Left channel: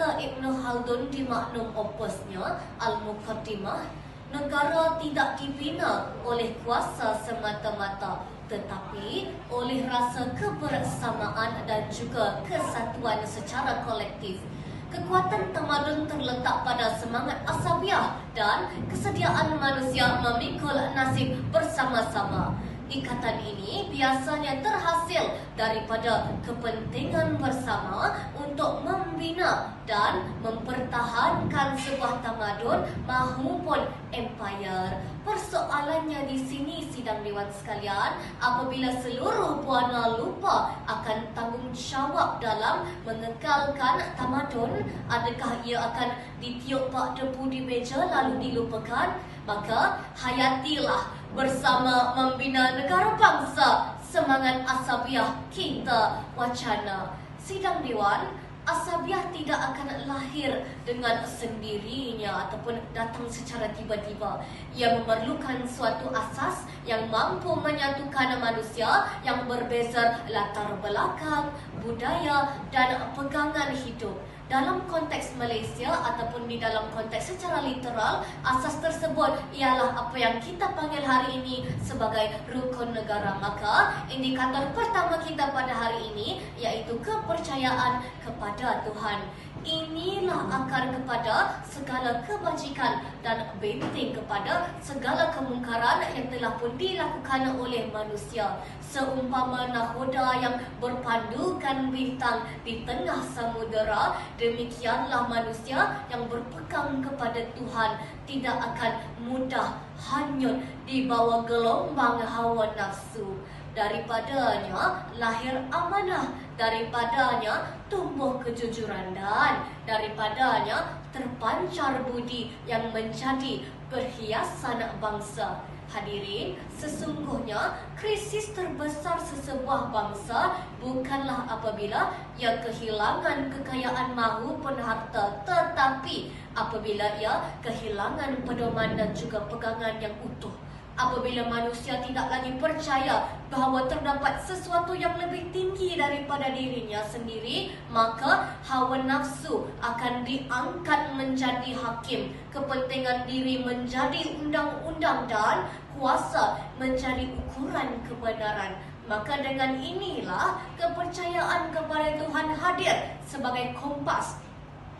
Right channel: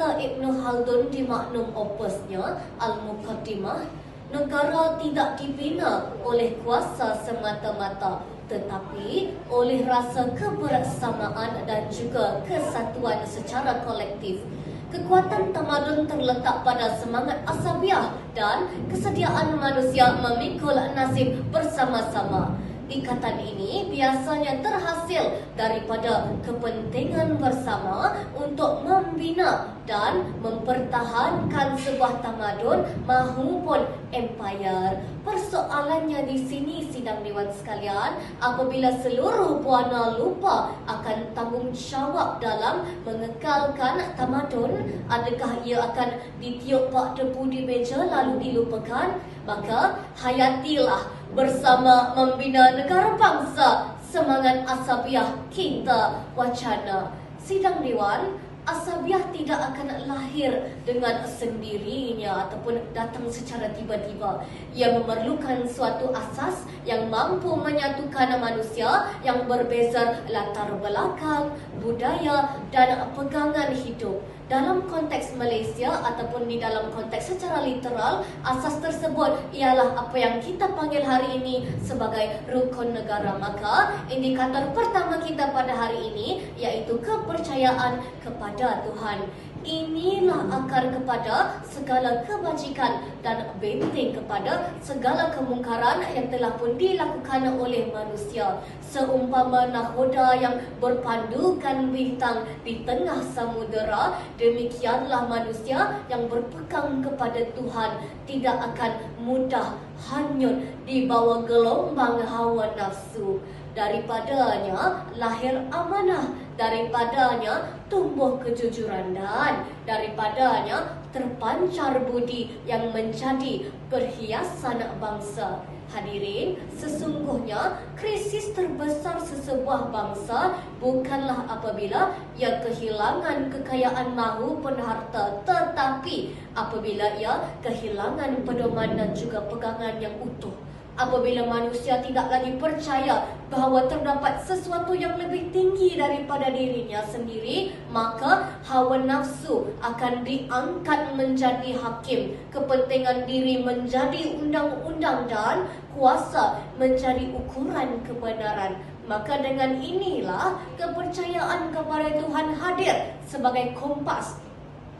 Kata Ibn Khaldun di maknum opusnya Al-Muqaddimah, negara tidak dibina oleh kuasa semata-mata, tetapi oleh rasa kebersamaan dan juga kesatuan secara kolektif. Kekuatan tamadun terletak pada semangat asabiah dan kesediaan manusia memikul nasib bersama-sama. Ikatan ini biasanya terhasil daripada kepentingan bersama untuk membina dan mempertahankan sebuah tamadun mahupun empayar. Persoalannya di sini, sidang dewan sekalian, apabila seluruh buana lupa akan tanggungjawab dalam mengekalkan tamadun, adakah ia akan ditiup bak debu di meja lalu dilupakan? Maka hayatilah bersama membina negara bangsa semangat asabiah kita wacana. Sidang Dewan, asabiah tidak akan lahir dengan sendirinya ataupun datang secara tiba-tiba. Ia memerlukan suatu asas yang mampu menyatukan manusia yang berbeza latar belakang, budaya dan pegangan hidup. Dalam konteks Malaysia ataupun di dalam konteks secara literal, asas tersebut ialah apa yang kita panggil hari ini sebagai rukun negara. Maka indikator pertama kita pada hari ini iaitu kepercayaan kepada Tuhan. Inilah akar kepada segala kebajikan dan benteng kepada segala kemungkaran yang telah pun dilakukan oleh manusia. Seumpama nahoda yang berpandukan bintang di tengah samudera, demikianlah manusia yang berpegang kepada Tuhan tidak akan mudah hanyut di bawah gelombang hawa nafsu. Daripadanya lahir amanah, daripadanya tumbuh kejujuran dan daripadanya terpancar budi yang menjadi perhiasan bangsa. Hadirin, sesungguhnya krisis terbesar sesebuah bangsa bukanlah apabila ia kehilangan kekayaan mahupun harta, tetapi apabila ia kehilangan pedoman dan juga pegangan yang utuh. Apabila manusia tidak lagi percaya bahawa terdapat sesuatu yang lebih tinggi daripada dirinya sendiri, maka hawa nafsu akan diangkat menjadi hakim, kepentingan diri menjadi undang-undang dan kuasa menjadi ukuran kebenaran. Maka dengan inilah kepercayaan kepada Tuhan hadir sebagai kompas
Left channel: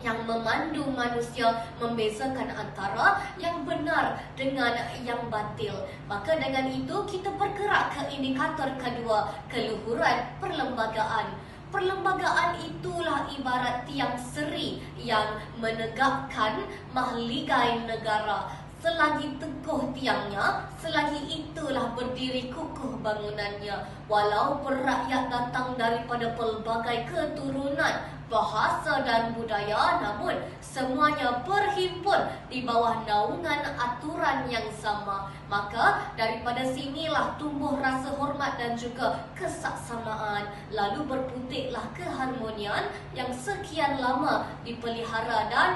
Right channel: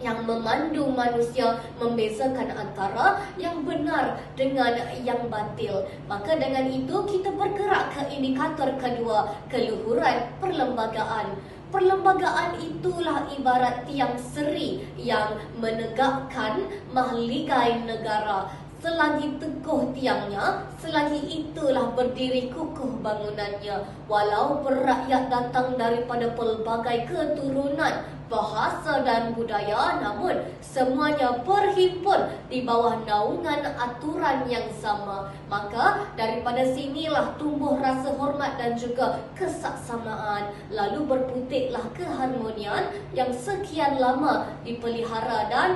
yang memandu manusia membezakan antara yang benar dengan yang batil. Maka dengan itu kita bergerak ke indikator kedua, keluhuran perlembagaan. Perlembagaan itulah ibarat tiang seri yang menegakkan mahligai negara. Selagi teguh tiangnya, selagi itulah berdiri kukuh bangunannya. Walau rakyat datang daripada pelbagai keturunan, bahasa dan budaya, namun semuanya berhimpun di bawah naungan aturan yang sama. Maka daripada sinilah tumbuh rasa hormat dan juga kesaksamaan. Lalu berputiklah keharmonian yang sekian lama dipelihara dan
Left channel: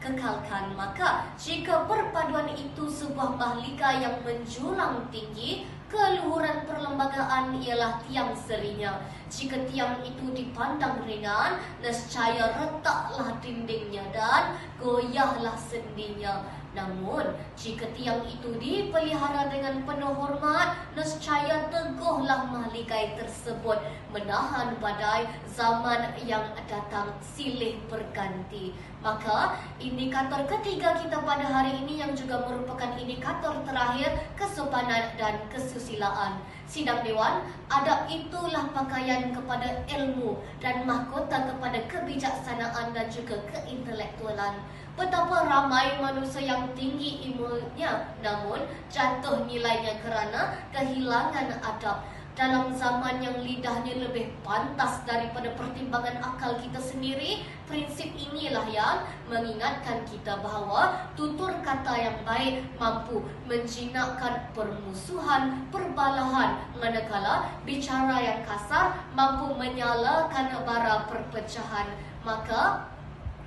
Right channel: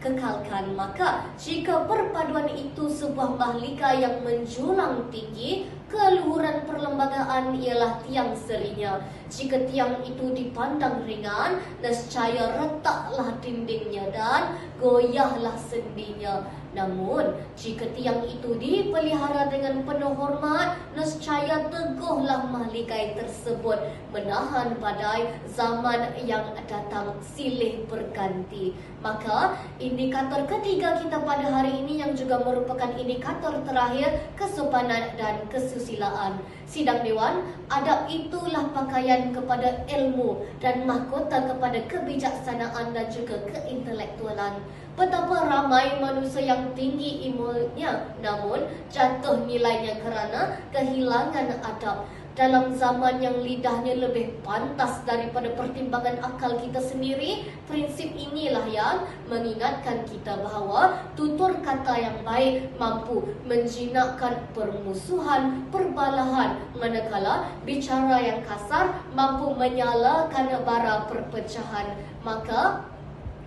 kekalkan. Maka jika perpaduan itu sebuah mahlika yang menjulang tinggi, keluhuran perlembagaan ialah tiang serinya. Jika tiang itu dipandang ringan, nescaya retaklah dindingnya dan goyahlah sendinya. Namun jika tiang itu dipelihara dengan penuh hormat, nescaya teguhlah mahligai tersebut menahan badai zaman yang datang silih berganti. Maka indikator ketiga kita pada hari ini yang juga merupakan indikator terakhir, kesopanan dan kesusilaan. Sidang Dewan, adab itulah pakaian kepada ilmu dan mahkota kepada kebijaksanaan dan juga keintelektualan. Betapa ramai manusia yang tinggi ilmunya namun jatuh nilainya kerana kehilangan adab. Dalam zaman yang lidahnya lebih pantas daripada pertimbangan akal kita sendiri, prinsip inilah yang mengingatkan kita bahawa tutur kata yang baik mampu menjinakkan permusuhan, perbalahan, manakala bicara yang kasar mampu menyalakan bara perpecahan. Maka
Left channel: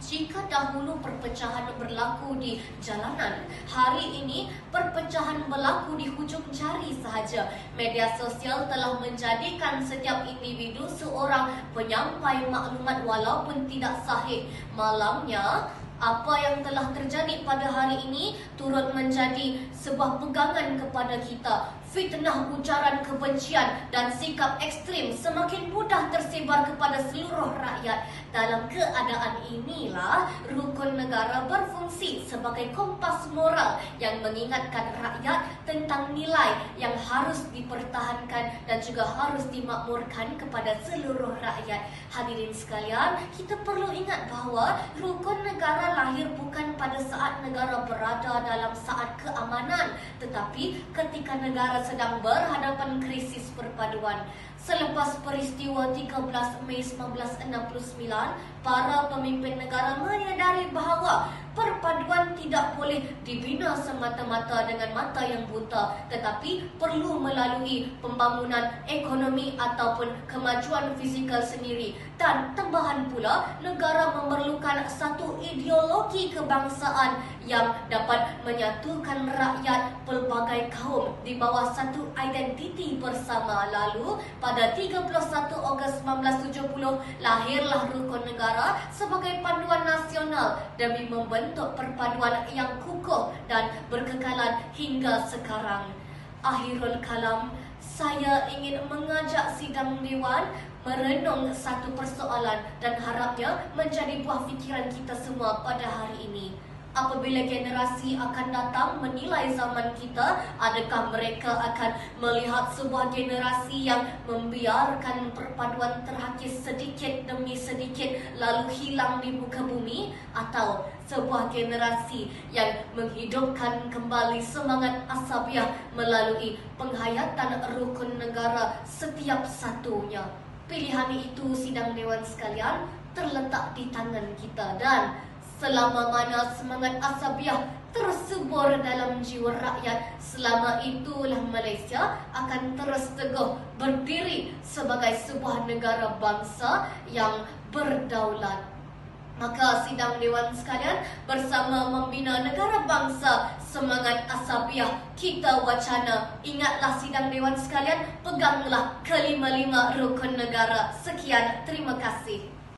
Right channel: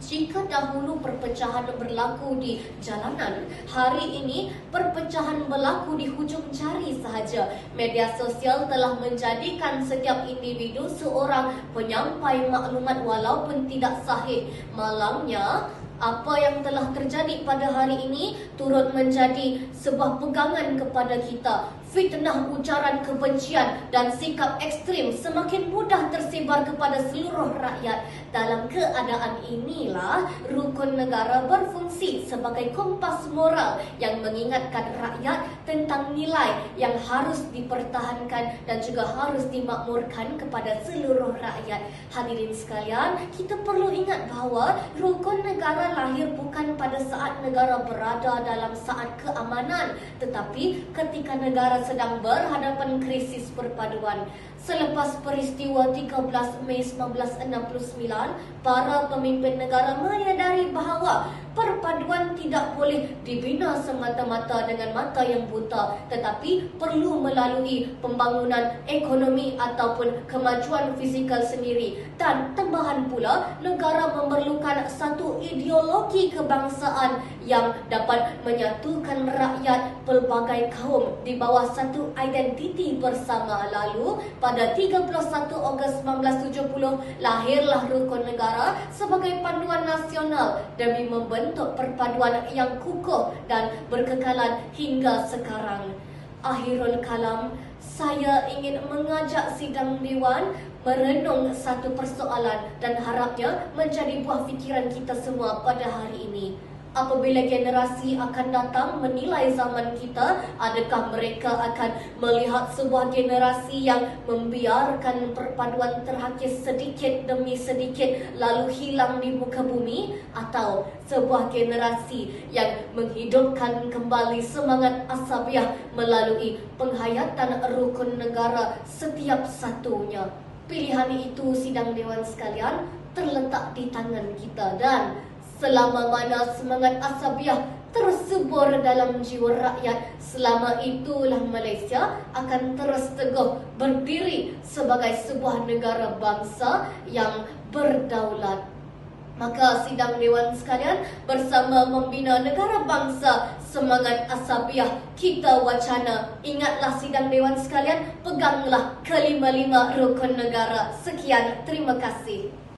Jika dahulu perpecahan berlaku di jalanan, hari ini perpecahan berlaku di hujung jari sahaja. Media sosial telah menjadikan setiap individu seorang penyampai maklumat walaupun tidak sahih. Malangnya, apa yang telah terjadi pada hari ini turut menjadi sebuah pegangan kepada kita. Fitnah, ujaran kebencian dan sikap ekstrim semakin mudah tersebar kepada seluruh rakyat. Dalam keadaan inilah rukun negara berfungsi sebagai kompas moral yang mengingatkan rakyat tentang nilai yang harus dipertahankan dan juga harus dimakmurkan kepada seluruh rakyat. Hadirin sekalian, kita perlu ingat bahawa rukun negara lahir bukan pada saat negara berada dalam saat keamanan, tetapi ketika negara sedang berhadapan krisis perpaduan. Selepas peristiwa 13 Mei 1969, para pemimpin negara menyadari bahawa perpaduan tidak boleh dibina semata-mata dengan mata yang buta, tetapi perlu melalui pembangunan ekonomi ataupun kemajuan fizikal sendiri. Dan tambahan pula, negara memerlukan satu ideologi kebangsaan yang dapat menyatukan rakyat pelbagai kaum di bawah satu identiti bersama. Lalu, pada 31 Ogos 1970, lahirlah Rukun Negara sebagai panduan nasional demi membentuk perpaduan yang kukuh dan berkekalan hingga sekarang. Akhirul kalam, saya ingin mengajak sidang Dewan merenung satu persoalan dan harapnya menjadi buah fikiran kita semua pada hari ini. Apabila generasi akan datang menilai zaman kita, adakah mereka akan melihat sebuah generasi yang membiarkan perpaduan terhakis sedikit demi sedikit lalu hilang di muka bumi, atau sebuah generasi yang menghidupkan kembali semangat asabiah melalui penghayatan rukun negara setiap satunya? Pilihan itu, sidang Dewan sekalian, terletak di tangan kita, dan selama mana semangat asabiah tersubur dalam jiwa rakyat, selama itulah Malaysia akan terus teguh berdiri sebagai sebuah negara bangsa yang berdaulat. Maka sidang Dewan sekalian, bersama membina negara bangsa, semangat asabiah kita wacana. Ingatlah sidang Dewan sekalian, peganglah kelima-lima rukun negara. Sekian, terima kasih.